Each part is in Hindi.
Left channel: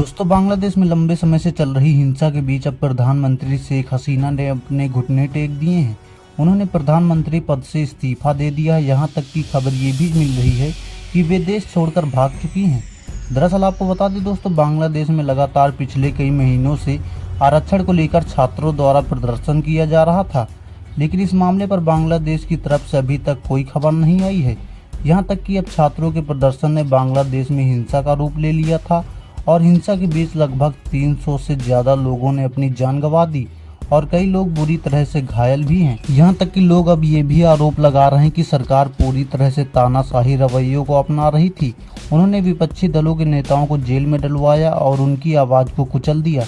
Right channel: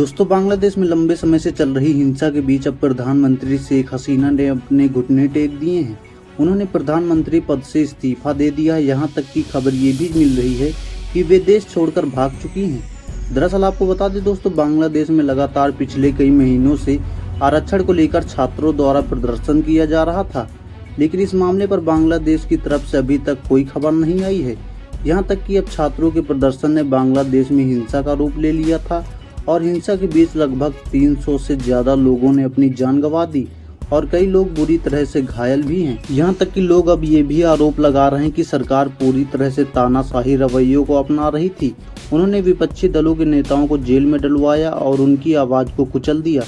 दोस्तों, बांग्लादेश में लंबे समय से चल रही हिंसा के बीच अब प्रधानमंत्री शेख हसीना ने अपने घुटने टेक दिए हैं। उन्होंने प्रधानमंत्री पद से इस्तीफा दे दिया है। यहाँ तक की खबर ये भी मिल रही है कि वे देश छोड़कर भाग चुकी हैं। दरअसल आपको बता दें दोस्तों, बांग्लादेश में लगातार पिछले कई महीनों से आरक्षण को लेकर छात्रों द्वारा प्रदर्शन किया जा रहा था, लेकिन इस मामले पर बांग्लादेश की तरफ से अभी तक कोई खबर नहीं आई है। यहाँ तक कि अब छात्रों के प्रदर्शन ने बांग्लादेश में हिंसा का रूप ले लिया था और हिंसा के बीच लगभग 300 से ज्यादा लोगों ने अपनी जान गंवा दी और कई लोग बुरी तरह से घायल भी हैं। यहाँ तक कि लोग अब ये भी आरोप लगा रहे हैं कि सरकार पूरी तरह से तानाशाही रवैयों को अपना रही थी। उन्होंने विपक्षी दलों के नेताओं को जेल में डलवाया और उनकी आवाज को कुचल दिया।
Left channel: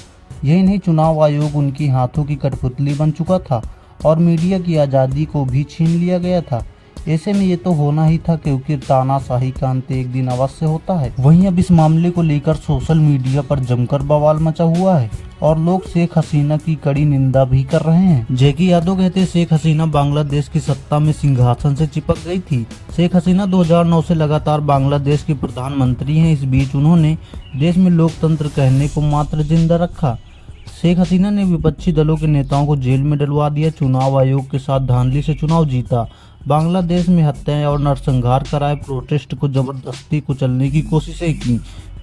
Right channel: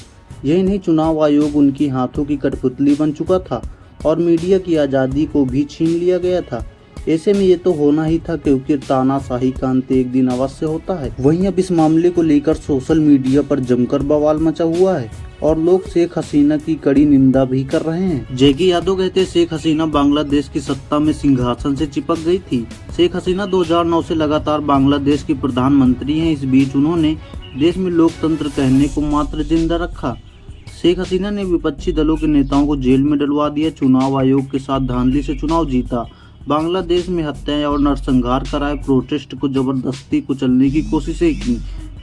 यही नहीं, चुनाव आयोग उनकी हाथों की कठपुतली बन चुका था और मीडिया की आज़ादी को भी छीन लिया गया था। ऐसे में ये तो होना ही था, क्योंकि तानाशाही का अंत एक दिन अवश्य होता है। वहीं अब इस मामले को लेकर सोशल मीडिया पर जमकर बवाल मचा हुआ है और लोग शेख हसीना की कड़ी निंदा भी कर रहे हैं। जैकी यादव कहते हैं, शेख हसीना बांग्लादेश की सत्ता में सिंहासन से चिपक गई थी। शेख हसीना 2009 से लगातार बांग्लादेश की प्रधानमंत्री हैं। इस बीच उन्होंने देश में लोकतंत्र कहने को मात्र जिंदा रखा। शेख हसीना ने विपक्षी दलों के नेताओं को जेल में डलवा दिया, चुनाव आयोग के साथ धांधली से चुनाव जीता, बांग्लादेश में हत्याएं और नरसंहार कराए, प्रोटेस्ट को जबरदस्ती कुचलने की कोशिशें की,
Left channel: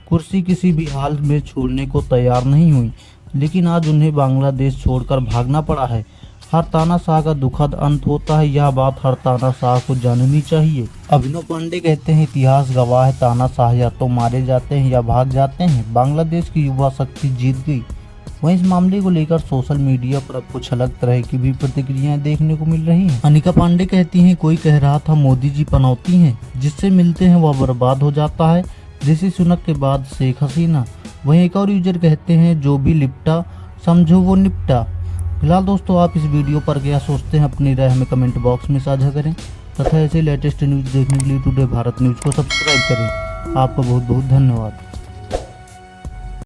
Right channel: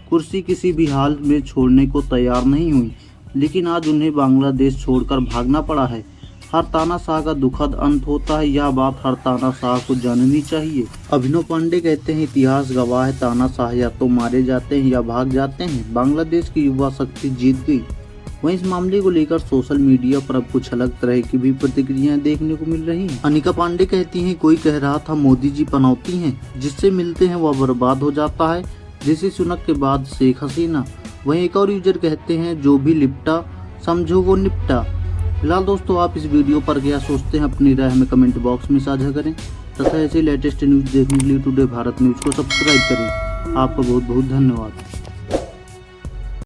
कुर्सी किसी भी हाल में छोड़ने को तैयार नहीं हुई, लेकिन आज उन्हें बांग्लादेश छोड़कर भागना पड़ा है। हर तानाशाह का दुखद अंत होता है, यह बात हर तानाशाह को जाननी चाहिए। अभिनव पांडे कहते हैं, इतिहास गवाह है, तानाशाह या तो मारे जाते हैं या भाग जाते हैं। बांग्लादेश की युवा शक्ति जीत गई। वहीं इस मामले को लेकर सोशल मीडिया पर कुछ अलग तरह की भी प्रतिक्रियाएं देखने को मिल रही हैं। अनिका पांडे कहती हैं, कोई कह रहा था मोदी जी पनौती हैं, जिससे मिलते हैं वह बर्बाद हो जाता है। ऋषि सुनक के बाद शेख हसीना। वहीं एक और यूजर कहते हैं, जो भी लिपटा समझो वो निपटा। फिलहाल दोस्तों, आप इस वीडियो पर क्या सोचते हैं, अपनी राय हमें कमेंट बॉक्स में साझा करें तथा ऐसे लेटेस्ट न्यूज देखने के लिए टुडे भारत न्यूज को सब्सक्राइब करें। आपका बहुत बहुत धन्यवाद।